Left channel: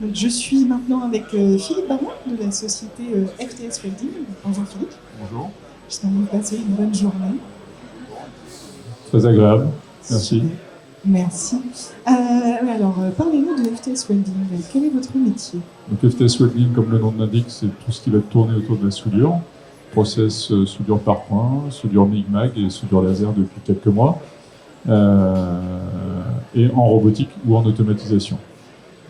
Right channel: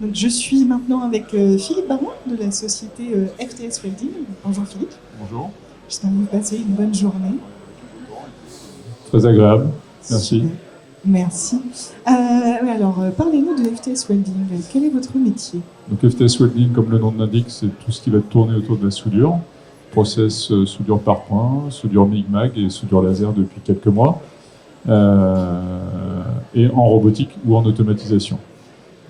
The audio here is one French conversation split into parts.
Donc, je suis maintenant avec Philippe Baron de la société FTS Welding. Bonjour Philippe. Bonjour. J'espère que vous passez une bonne journée. Très agréable, merci. Super. Merci. Parlez-nous de FTS Welding. Quel est votre métier? Donc FTS Welding, comme le nom l'indique, c'est tout ce qui va tourner autour de la soudure. Process soudure par point, soudure MIG-MAG et soudure laser depuis quelques mois. Et en robotique ou en automatisation.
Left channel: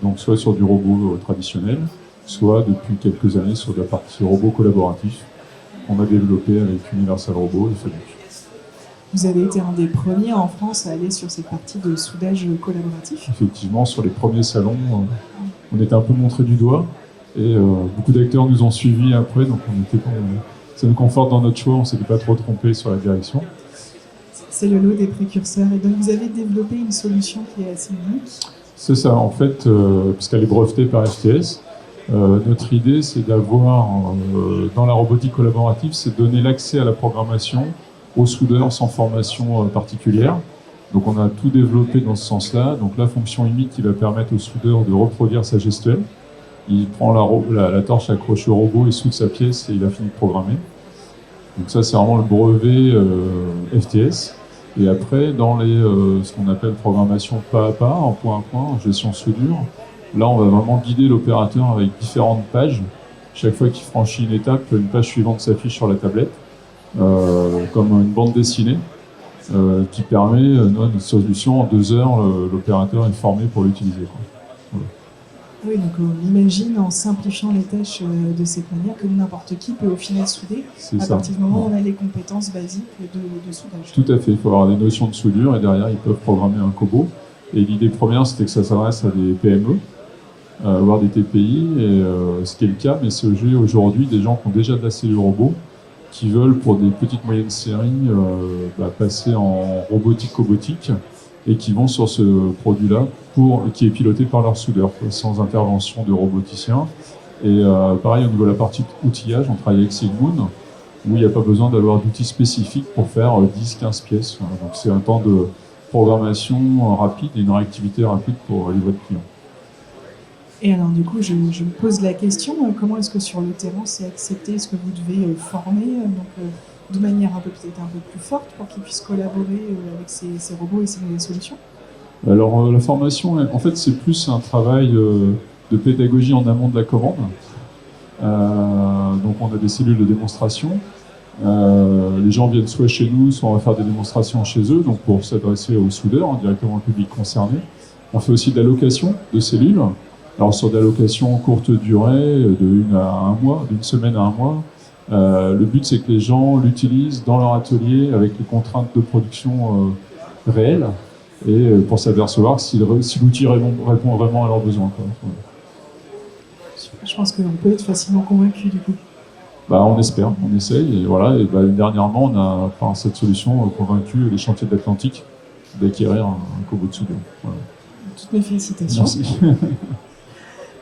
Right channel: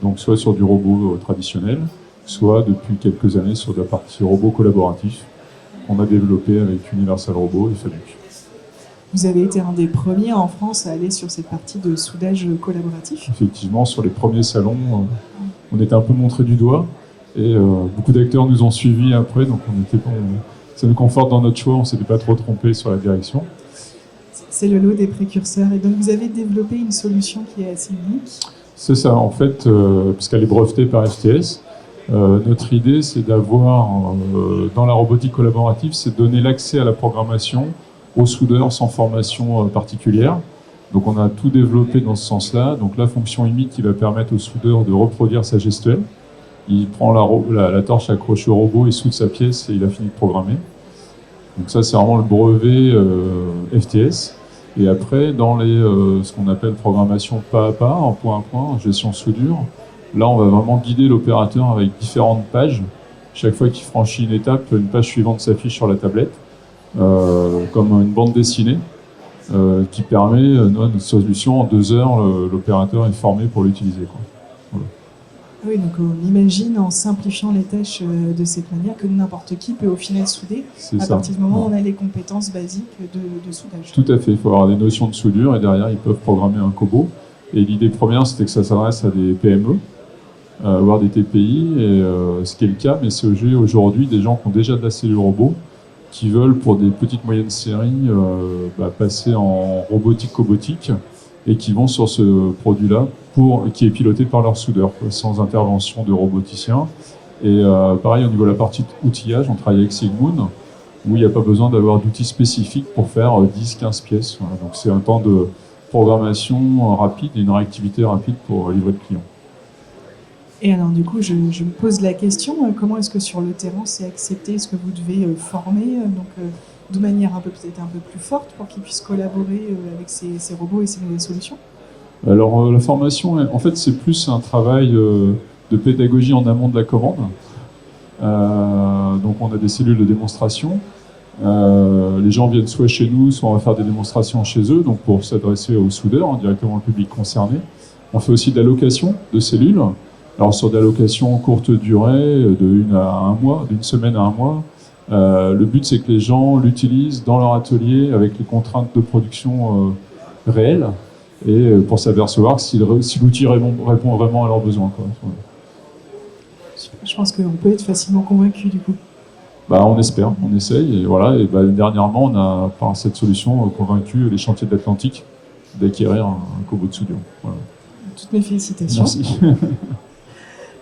Donc soit sur du robot traditionnel, soit depuis quelques années sur de la partie robot collaboratif qu'on a développé avec Universal Robot et Fanuc. Vous avez été un des premiers en France à aller sur cette partie de soudage collaboratif. Effectivement, sur les premiers salons, on était un peu montré du doigt et beaucoup d'acteurs nous ont suivis après, donc ça nous conforte dans notre choix, on ne s'était pas trop trompé sur la direction. C'est le lot des précurseurs et donc vous avez développé une solution qui est assez unique. C'est ça, en fait, puisqu'elle est brevetée par FTS, notre idée c'est d'avoir, dans la robotique collaborative, c'est de donner l'accès à la programmation aux soudeurs sans formation particulière. Donc on a tout développé dans ce sens-là. Donc la fonction IMI qui va permettre au soudeur de reproduire sa gestuelle. Il prend la torche accrochée au robot, il soude sa pièce et il a fini de programmer. Donc ça c'est vraiment le brevet FTS. Et après, dans ce qu'on appelle programmation pas à pas, en point à point, gestion soudure, là on va vraiment guider l'opérateur avec différentes pages. Chaque fois qu'il franchit une étape, une page suivante s'affiche sur la tablette. Comme une bande dessinée qui permet notre solution en 2 heures, l'opérateur est formé pour l'utiliser. Voilà. Oui, donc on imagine en simplifiant les tâches de cette manière que n'importe qui peut au final souder à partir du moment où on a les compétences basiques de soudage. Tout à fait, il faut avoir des notions de soudure et derrière ils peuvent programmer un Cobo. Et l'idée première c'était que ça s'adresse à des PME, voire des TPI, et ce qui est le cas, mais c'est aujourd'hui des gens qui ont déjà de la cellule robot qui veulent, pour des petites moyennes séries, passer en robotique-cobotique et qui vont sur ce produit-là qui est piloté par leur soudeur, sans intervention de roboticien. Et pareil, au niveau de la partie outillage, on travaille avec Sigmoon, où il n'y a pas besoin d'avoir d'outils spécifiques pour faire 10-15 pièces. Voilà. Donc c'est un temps de programmation rapide et une réactivité rapide pour livrer le client. Et alors du coup, je me pose la question, comment est-ce que sur le terrain c'est accepté? Est-ce que vous devez former de manière peut-être un peu plus forte pour qu'ils puissent collaborer avec ces robots et ces nouvelles solutions? Alors la formation, en fait, c'est plus un travail de pédagogie en amont de la commande. Donc on a des cellules de démonstration. Les gens viennent soit chez nous, soit on va faire des démonstrations chez eux, donc pour s'adresser aux soudeurs, directement au public concerné. On fait aussi de la location de cellules. Alors sur des allocations courte durée, d'une semaine à un mois, le but c'est que les gens l'utilisent dans leur atelier avec les contraintes de production réelles et pour s'apercevoir si l'outil répond vraiment à leurs besoins. Quoi. Je pense qu'on peut être facilement convaincu du coup. On espère, on essaye et voilà. Et dernièrement, on a par cette solution convaincu les chantiers de l'Atlantique d'acquérir un Cobo de soudure. Voilà. Toutes mes félicitations. Merci.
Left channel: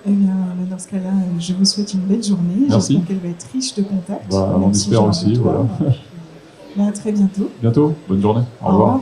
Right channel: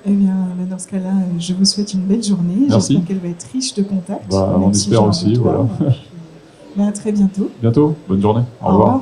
Eh bien, dans ce cas-là, je vous souhaite une belle journée. Merci. J'espère qu'elle va être riche de contacts. On espère aussi, voilà. À très bientôt. Bientôt, bonne journée. Au revoir.